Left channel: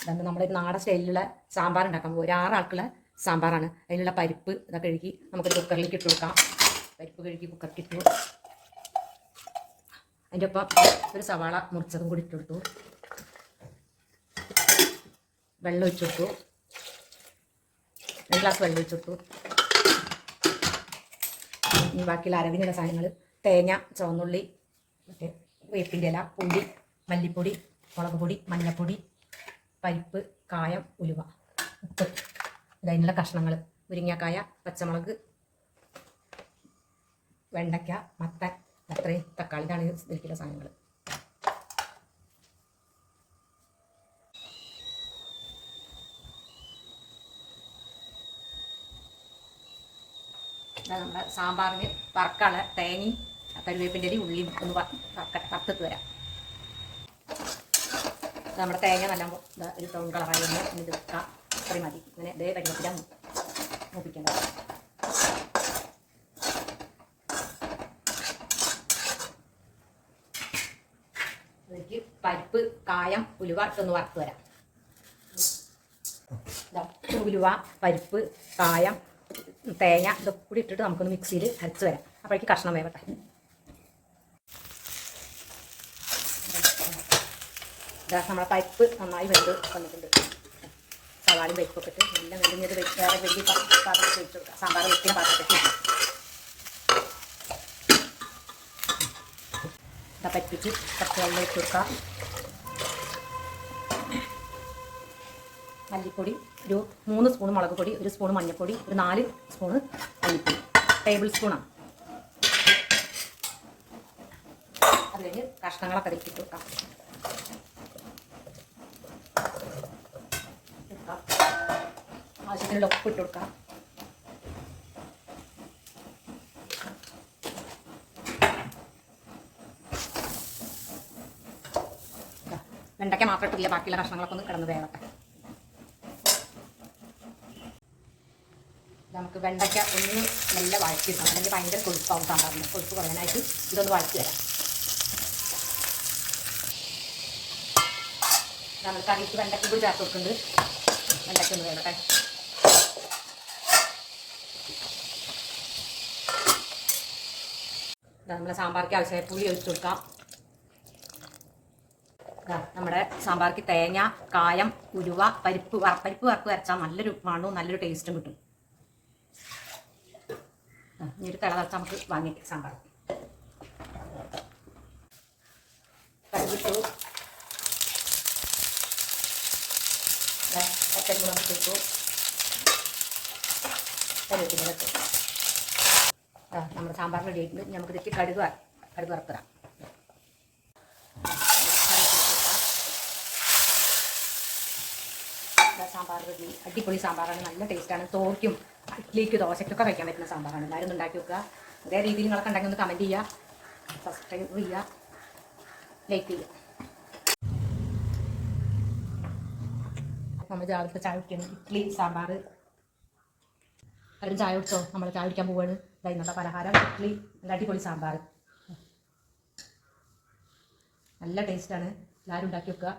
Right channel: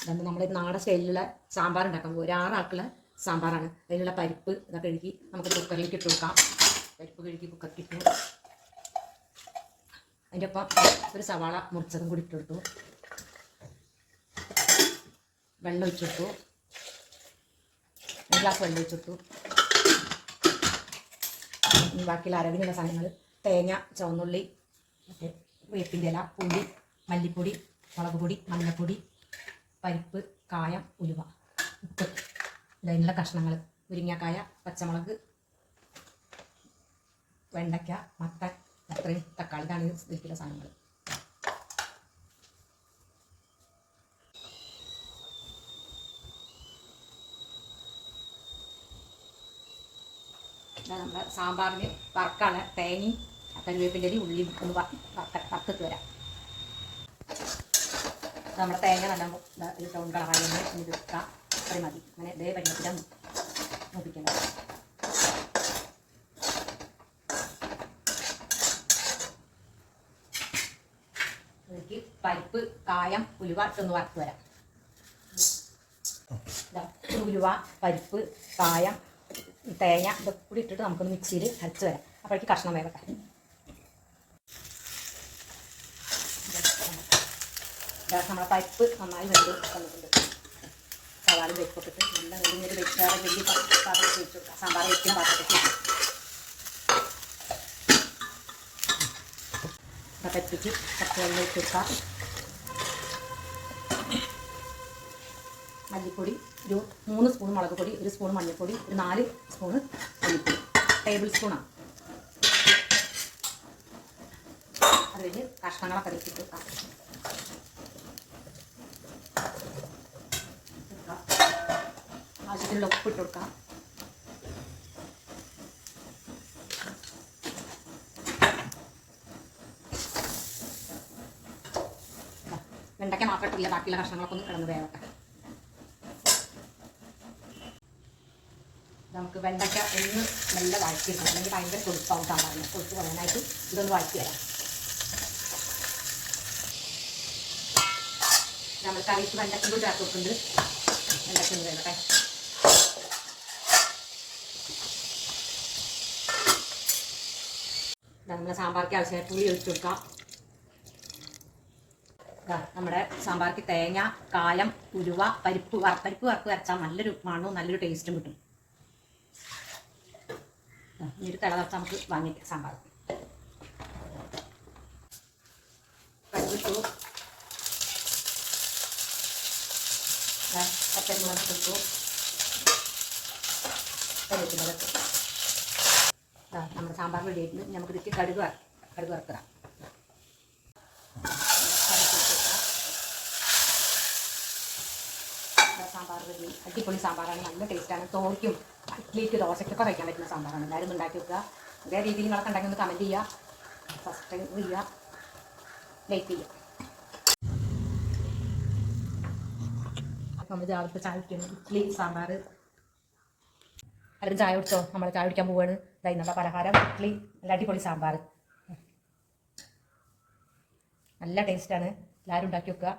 ഇതാണ് നമ്മുടെ നാടൻ സ്റ്റൈലിലുള്ള സാമ്പാർ ഉണ്ടാക്കാൻ പോകും. ഒരു 6 ആൾക്കുള്ള സാമ്പാറാണ്. അതിനുള്ള പരിപ്പ് ഇതൊക്കെ കഴുകി നമുക്ക് കുക്കറിലേക്ക് ഇട്ട് കൊടുക്കാം. പരിപ്പ് കഴുകി കുക്കറിലേക്ക് ഇട്ടു. അതിൻ്റെ ഒപ്പം ഒരു സവാള മുറിച്ചതും കൂടി ഇട്ടുകൊടുത്തു. വെള്ളം ഒഴിച്ചിട്ടു. 1 ഗ്ലാസ് വെള്ളം ഒഴിച്ചിട്ടു. ഇനി ബാക്കിയുള്ള അരവിനുള്ള സാധനങ്ങൾ തേങ്ങ, ചുവന്നുള്ളി, വേപ്പിൻ്റെ ഇല, പുളി, മല്ലിപ്പൊടി, മുളക് പൊടി, മഞ്ഞൾപ്പൊടി, പരിപ്പ്, കായം, ഉലുവ, ഉപ്പ്, ഇതിനുള്ള കഷ്ണങ്ങൾ മുരിങ്ങക്കായ, പച്ചമുളക്, വെണ്ടയ്ക്ക, മത്തൻ, അത്രയും തക്കാളി. ഇതാണ് ഇതിലേക്കുള്ള സാധനങ്ങൾ. നമ്മുടെ സാമ്പാറിന് വറക്കാനുള്ള തേങ്ങയും കരുവേപ്പിൻ്റെ ഇലയും ഉള്ളിയും ഒന്ന് വറുത്തിട്ട് വരാം. നമ്മുടെ തേങ്ങ നല്ല ഒരു ടൗൺ കളറായി ഒന്ന് എടുക്കാം. അത്രയും മതി. അങ്ങനെ ഇതേ വെള്ളത്തിലാണ് നോക്കിക്കേണ്ടത്. അതിലേക്ക് പരിപ്പ്, കായം, ഉലുവ ഇട്ടൊന്ന് വറുത്ത് വരാം. ഉലുവ, പരിപ്പ്, കായം, തേങ്ങ ഇതൊക്കെ കൂടി ഇട്ടിട്ട് നമുക്കൊന്ന് മിക്സിയിൽ അരച്ച് വരാം. അപ്പോഴേക്ക് കഷ്ണം വേവട്ടെ. നമ്മളെ പരിപ്പ് നന്നായി വെന്ത് വന്നിട്ടുണ്ട്. സവാളയും പരിപ്പൊക്കെ ഇട്ട് നല്ല വെള്ളിഞ്ഞത് വേറെ വലിയ പാത്രത്തിൽ വെച്ച് കൊടുക്കാം. സാമ്പാർ വെക്കുന്ന പാത്രത്തിൽ പരിപ്പിക്ക് കുറച്ച് വെള്ളം വെച്ച് കൊടുക്കാം. മല്ലിപ്പൊടി ഒരു 3 സ്പൂൺ മുളക് പൊടി, 1 സ്പൂൺ മഞ്ഞൾപ്പൊടി, ഒരു 4 സ്പൂണ് മല്ലിപ്പൊടി, ടേബിൾ സ്പൂണാണ്. അത് കഴിഞ്ഞ് കഷ്ണങ്ങളൊക്കെ വെച്ചിട്ട് കൊടുക്കാം. ആവശ്യത്തിനുള്ള ഉപ്പ് ഇട്ട് കൊടുക്കാം. വെണ്ടയ്ക്ക മാത്രം ഇട്ടില്ല, ബാക്കിയുള്ള കഷ്ണങ്ങളൊക്കെ ഒന്ന് കിടന്ന് വേവട്ടെ. നമുക്ക് വെണ്ടയ്ക്ക ഒന്ന് നല്ല വഴറ്റിയെടുക്കണം, അല്ലെങ്കിൽ ഭയങ്കര കൊഴുപ്പാവും സാമ്പാറിന്. കൊഴുപ്പ് പറയാനായിട്ട് ഇതൊന്ന് വഴറ്റി തരാം. നമ്മൾ കറിക്ക് വെണ്ടയ്ക്ക കൂടി ചേർത്ത് കൊടുക്കുന്നുണ്ട്. വെണ്ടയ്ക്ക ഒന്ന് വേവട്ടെ. നമ്മളെ സാമ്പാർക്ക് ആവശ്യമായ പുളി ഒഴിച്ചു കൊടുക്കാം. നമ്മുടെ സാമ്പാർക്ക് തേങ്ങ, കായം, ഉലുവ, പരിപ്പ് വറുത്ത് അരച്ചാൽ നല്ലൊരു മണവും നല്ലൊരു ടേസ്റ്റും കിട്ടും. ഇനി ഒരു തിളച്ച നമുക്ക് വാങ്ങിക്കാം സാമ്പാർ. കടുകിട്ടു, പച്ചമുളക് ഇട്ടു, കറിവേപ്പില ഇട്ടു. നമ്മുടെ സാമ്പാർ റെഡി ആയിട്ട് നമുക്ക് ഇതിലേക്ക് കടുക് വറുത്തിടാം. സാമ്പാർ റെഡി. അടിപൊളി സാമ്പാറാണ്, നല്ല ടേസ്റ്റാണ്. തോർക്കും ഇഡ്ലിക്ക് ദോശയ്ക്കൊക്കെ കഴിക്കാൻ പറ്റുന്ന സാമ്പാറാണ്. എല്ലാവരും ഉണ്ടാക്കി വെക്കുക. അതേ രീതിയിൽ നിങ്ങളൊക്കെ ഉണ്ടെങ്കിൽ ഒന്ന് കമൻറ്റ് ചെയ്യുക, സബ്സ്ക്രൈബ് ചെയ്യുക, ലൈക്ക് ചെയ്യുക. നമ്മൾ രാവിലത്തെ ചായ കുടിക്കണം. ഇഡ്ലി, സാമ്പാർ. എല്ലാവരും ചായ കുടിച്ചോ? നമ്മൾ ചായ കുടിക്കാൻ പോവുകയാണ്. ഇതായിരുന്നുള്ള പലഹാരം ഇഡ്ലി, നല്ല അടിപൊളി സാമ്പാർ. നല്ല ടേസ്റ്റാണ്. എല്ലാവരും ഉണ്ടാക്കി വെക്കുക.